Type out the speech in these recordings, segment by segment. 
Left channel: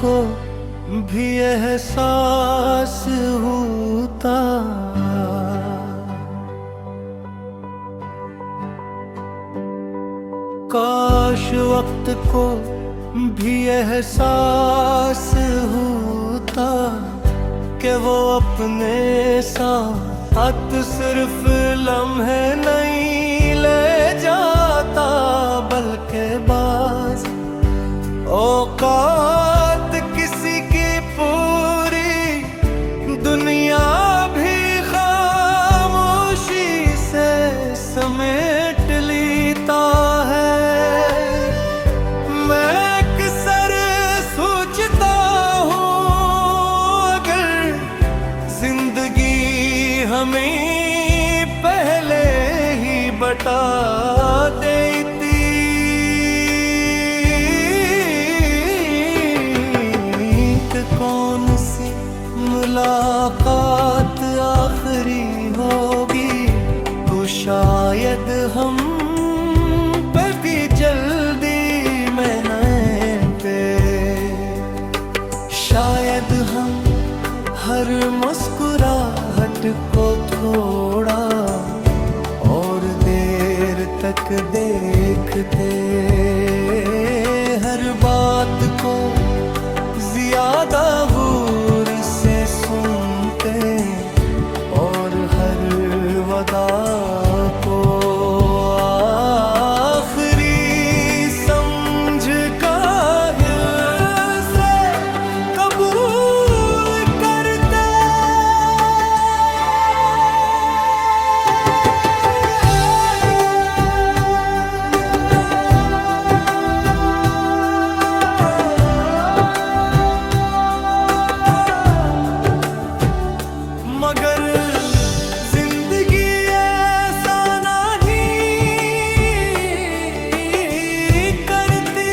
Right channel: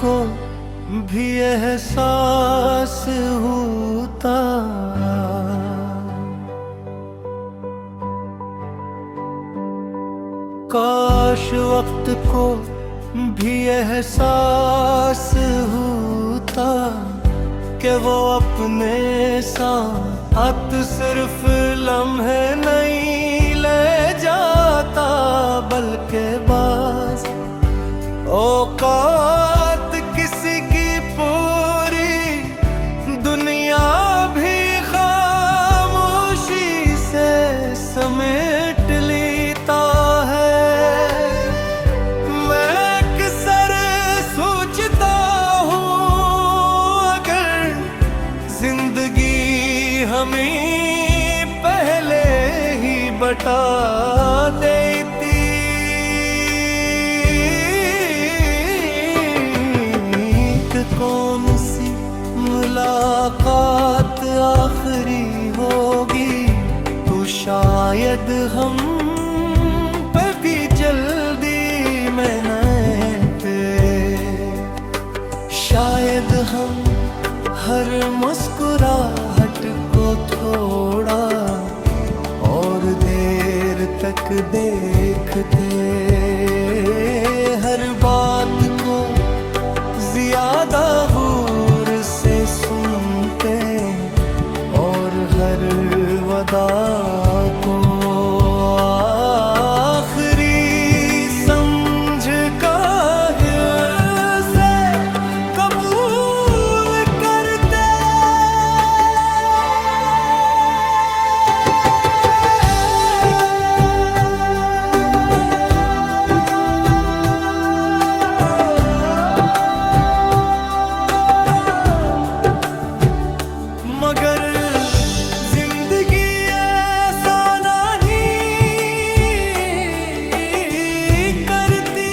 को भी एहसास होता। काश वक्त को भी एहसास होता कि वो अपने साथ सिर्फ लम्हे नहीं ले जाता, बल्कि बाज़ औकात किसी की पूरी दुनिया भी खामोशी से समेट लेता है। मैं अक्सर सोचता हूँ, अगर जिंदगी हमें पहले ही बता देती, कौन सी मुलाकात आखिरी होगी, तो शायद हम पे भी जल्दी में न पे, शायद हम हर मुस्कुराहट को थोड़ा और देर तक देखते, हर बात को ज्यादा गौर से सुनते, और हर वदा को आखिरी समझ काहिल से कबूल करते। मगर जिंदगी ऐसा नहीं करती,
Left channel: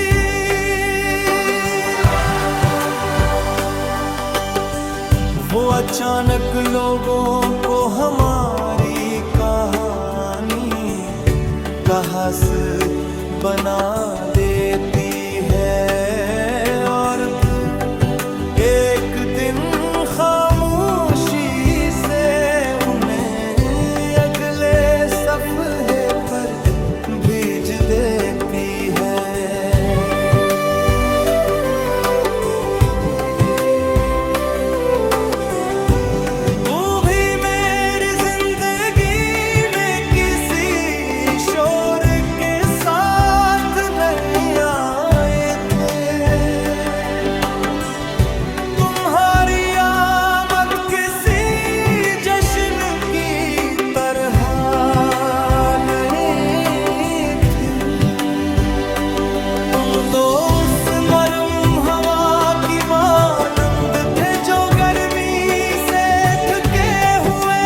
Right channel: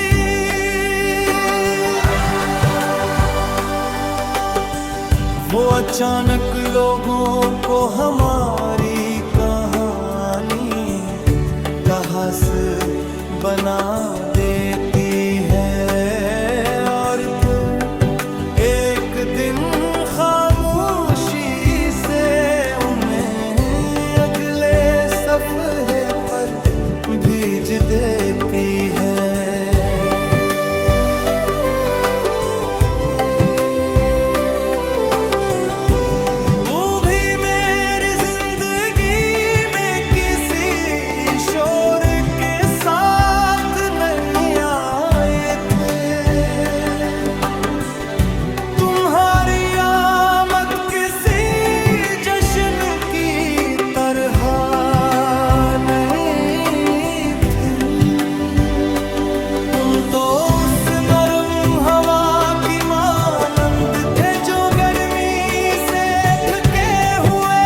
वो अचानक लोगों को हमारी कहानी का हंस बना देती है, और फिर एक दिन खामोशी से उन्हें अगले सफ़हे पर भेज देती है। वो भी मेरी जिंदगी में किसी शोर के साथ नहीं आए थे, तुम्हारी आमद किसी जश्न की तरह नहीं थी, तुम तो उस नरम हवा की मानंद थे जो गर्मी से थके हुए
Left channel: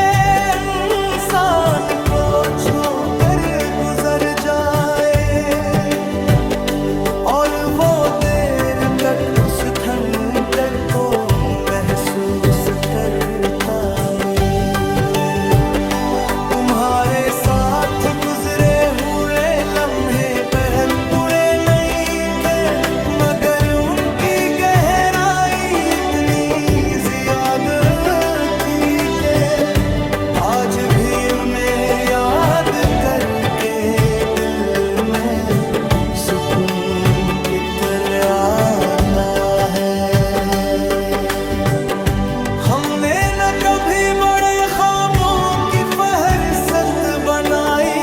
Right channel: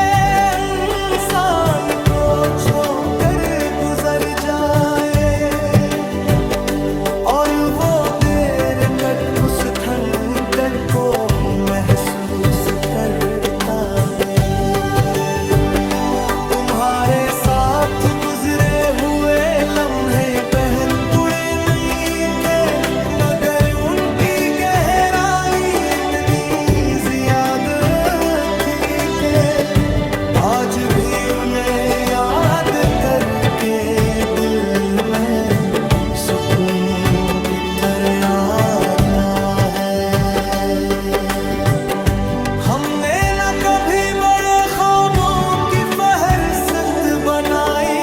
इंसान को छोकर गुजर जाए, और वो देर तक उस ठंडक को महसूस करता रहे। तुम्हारे साथ गुजरे हुए लम्हे बहुत बुरे नहीं थे, मगर उनकी गहराई इतनी ज्यादा थी कि आज भी उन्हें याद करके दिल में सुकून इतर आता है। हमने न कभी बड़े ख्वाबों की फहरिस्त बनाई,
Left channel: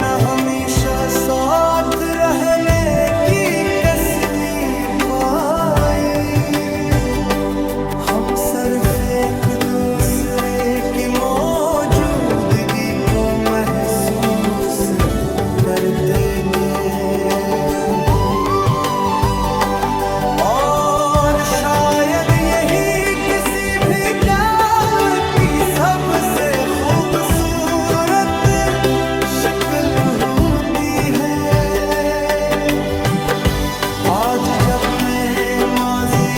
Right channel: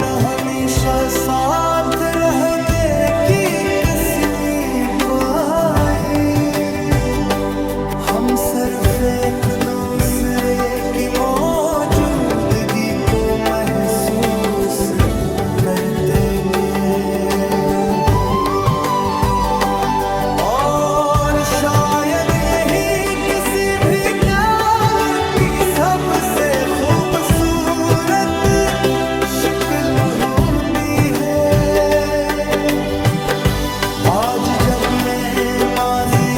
न हमेशा साथ रहने की कसमी पाई, हम सिर्फ एक दूसरे की मौजूदगी को महसूस करते थे, और शायद यही किसी भी प्यार की सबसे खूबसूरत शक्ल होती है। आज जब मैं माजी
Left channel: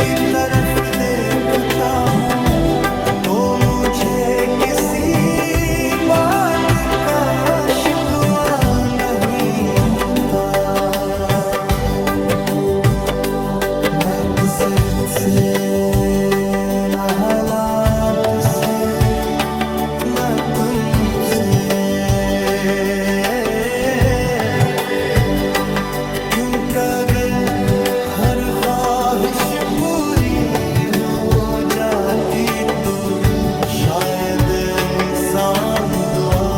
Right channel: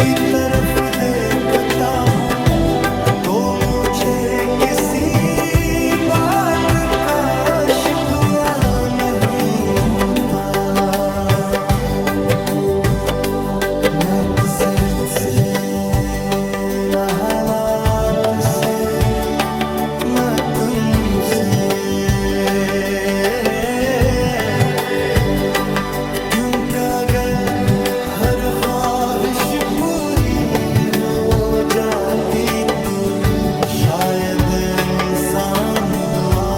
की तरफ देखता हूँ, तो मुझे किसी बात का शिकवा नहीं होता। न कसरत से न हालात से न तुमसे, क्योंकि अगर हर ख्वाहिश पूरी हो जाती तो शायद इंसान दुआ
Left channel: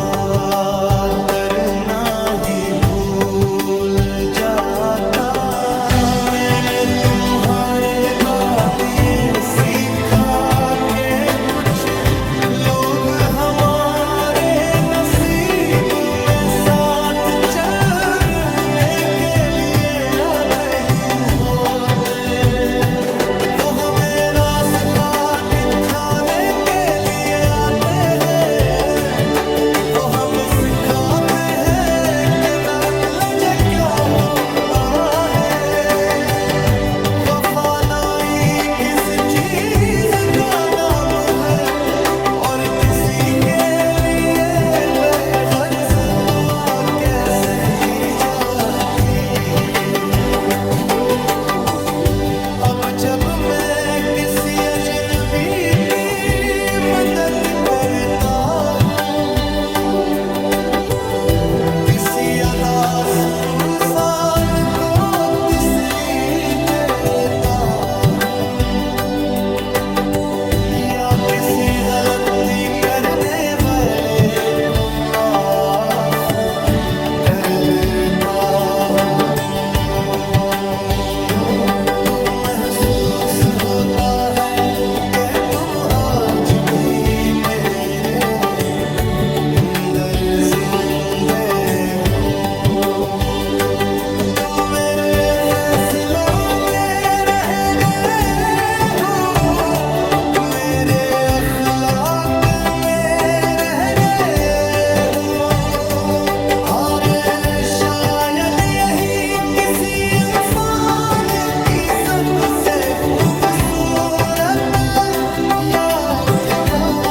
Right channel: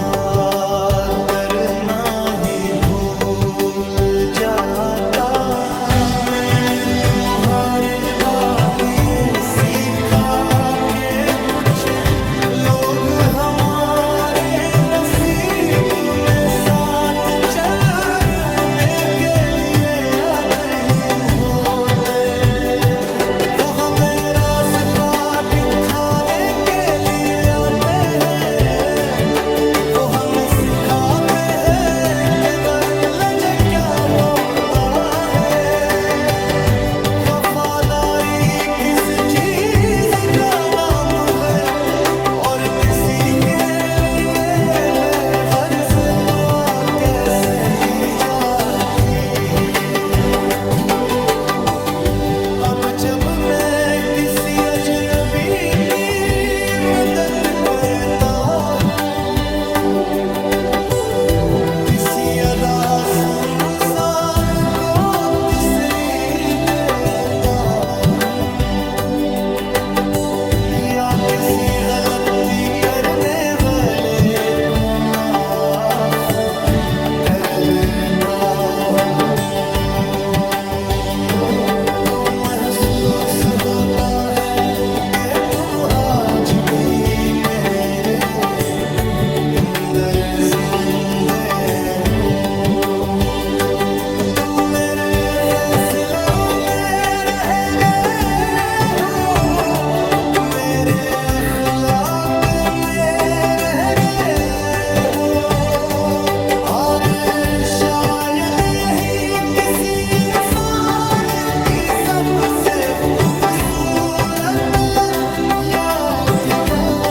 करना ही भूल जाता। मैंने तुम्हारे भाग्य सीखा के कुछ लोग हमारे नसीब में साथ चलने के लिए आते ही होते। वो हमें रास्ता दिखाने के लिए आते हैं, वो हमें सिखाते हैं कि नर्म लहजा क्या होता है। वफादारी किस चीज का नाम है और किसी के लिए बेगर्ज दुआ कैसे की जाती है। अब जब मैं किसी अजनबी की मदद करता हूँ, किसी अदा इंसान को तसल्ली देता हूँ, या किसी गलती करने वाले को माफ कर देता हूँ, तो महसूस होता है कि तुम आज भी मेरे अंदर जिंदे हो। तुम मेरे फैसलों में रह गए हो, मेरे अखलाक में रह गए हो, और शायद यही किसी इंसान की सबसे खूबसूरत यादगार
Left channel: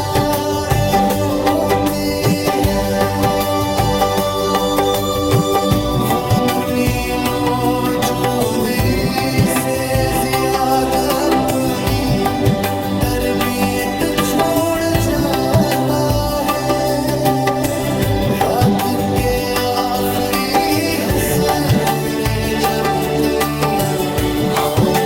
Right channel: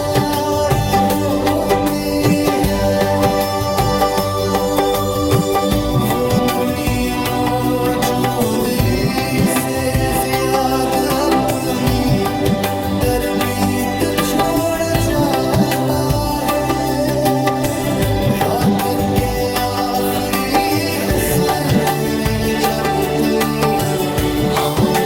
होती है। वो अपनी मौजूदगी से ज्यादा अपनी तरबीयत छोड़ जाता है। रात के आखिरी हिस्से में जब दुनिया हम